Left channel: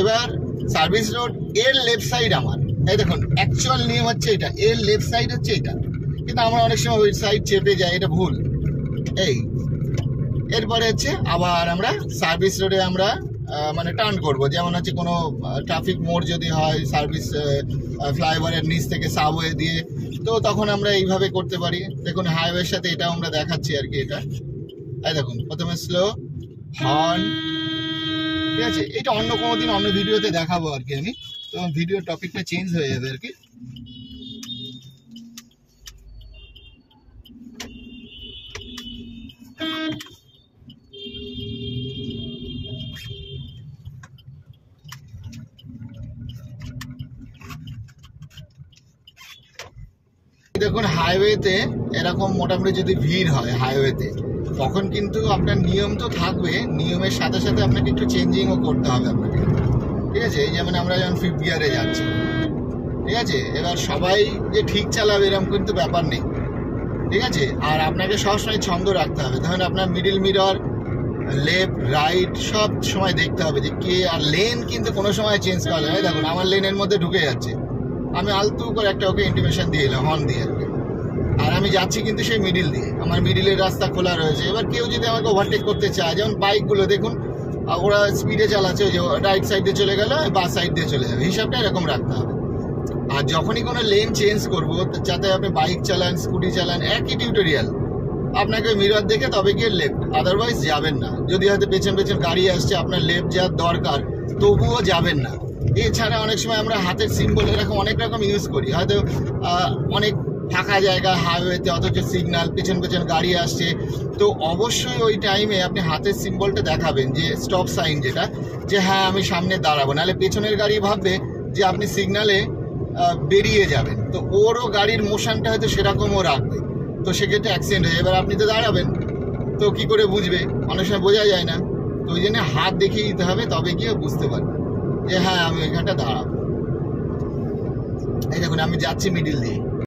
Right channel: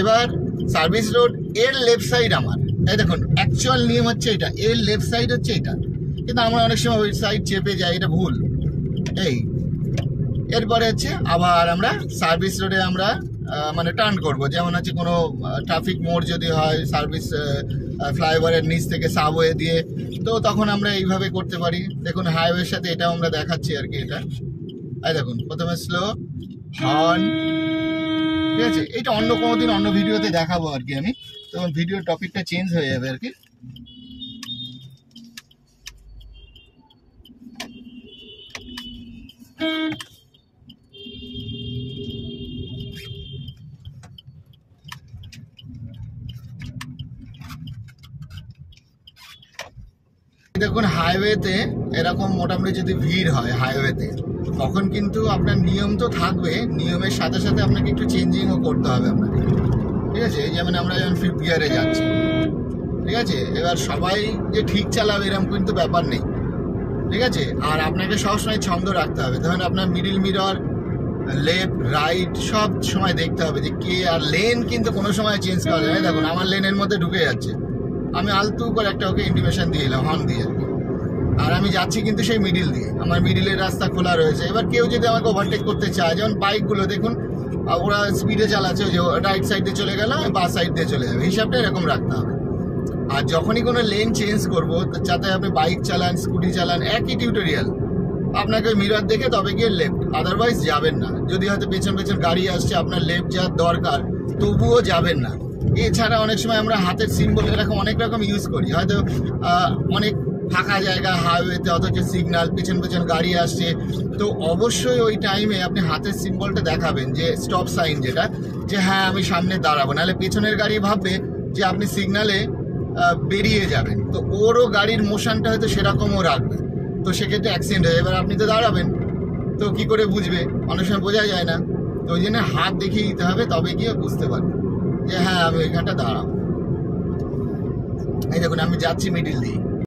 এবার service road এর left side আমার, এই দেখুন অ্যাকচুয়াল নিয়ম হচ্ছে এটা, এর লেফট সাইড হচ্ছে এটা, কিন্তু আমরা অনেক সময় ওই সাইড চেপে যাই, এটা ভুল। এই এরপরে হচ্ছে আবার আমরা সার্ভিস রোডে আমরা মানে টার্ন করব, যেমন হচ্ছে কোনো ট্রাফিক মোড় যদি হয় সার্ভিস ফ্লাইওভারের নিচ থেকে সাবওয়ে দিয়ে, তো তখন আমরা এইভাবে করতে পারি। দেখুন হাইওয়ের সাথে এটাও আমরা দেখাচ্ছি আর কি। এটা এই দেখুন প্রথমে স্লো হর্ন, ঠিক আছে। এটা অন্য কোনো দিন অন্য ভিডিওতে দেখাবো আর কি আমি, তখন ভিডিও টপিকটা চেঞ্জ হয়ে যাবে আর কি। দেখুন হাইওয়েতে এরকম মোটামুটি যদি ভিড় হয় হাইওয়েতে, তখন কিন্তু আপনার নিয়ম তো থাকবে, নিয়মের সাথে সাথে আপনাকে একটু চেঞ্জিংও করতে হবে আপনাকে, ঠিক আছে। এই যেমন আমরা যখন 5th গিয়ারে যাচ্ছি, ঠিক আছে, এবার সবাই যে ঠিক চালাবে এরকম কিন্তু ব্যাপার নেই, ঠিক আছে। আর আপনাকে সবসময় ছন্দ রাখতে হবে, ধরেন আপনার মিডিল মিরর, লেফট রাইট সব সময় দেখতে হবে যে কে, আর লেন কিন্তু কোনো সময় চেঞ্জ করা যায়। দেখুন আমার লেনের মধ্যে ঢুকে যাচ্ছে, আমি আলতু করে একটা ওকে ইন্টিমেশন দিয়ে এলাম হর্ন দিয়ে, আর আমি যাচ্ছি কিন্তু সেই মিডিল দিয়ে, আমার মিডিলের রাস্তা খোলা রয়েছে। এবার কেউ যদি আমাকে ওভারটেক করতে চায়, যেমন বাইকগুলো দেখুন ওরা স্পিডে চালাচ্ছে, ওই যে রাইট সাইডে চলে গেল বাস সাইড দিয়ে চলে যাবে, হিসাবটা এরকম রাখতে হবে। আর যখনই কোনো লেন চেঞ্জ করবো, যাতে আপনি বাইক চালান স্কুটি চালান, একই টিউটোরিয়াল, আপনাকে মিরর দেখে তবে গিয়ে লেফট, আদারওয়াইজ যাবেন না। যদি হয়তো পেছন পেছন গাড়ি আসছে, আপনার লেফট যাওয়ার দরকার, তবুও যাবেন না। এছাড়া অনেক সময় আমরা হাতের সিম্বল এরকম অনেক রকম ইউজ করি, হয়তো অনেক ফাঁকা জায়গা হাইওয়েতে, অথচ সিগন্যাল, পেছন পেছন গাড়ি আসছে, তো অবশ্যই ওই টাইমে আপনি হাতের সিম্বলটা দেখাবেন, যে স্টপ সাইন যেটা, যে হ্যাঁ আমি সামনে দাঁড়াবো, নাহলে পেছনের গাড়ি ভাববে যে আপনি সিগন্যালে বেরিয়ে যাবেন, তো ওরও গাড়ির মোশনটা হয়তো সেরকমও রাখবে, তো সেক্ষেত্রে অ্যাক্সিডেন্ট হয়। এবার আপনি তো দাঁড়াবেন, তো কি করে বুঝবে, অনেক সময় বোঝা যায় না, তো ওই জন্য হাত দেখিয়ে দিতে হবে, তবে গিয়ে বুঝতে পারবে যে হ্যাঁ আমি ওইখানটা দাঁড়াবো। এই দেখুন আমি যাচ্ছি মিডিল দিয়ে,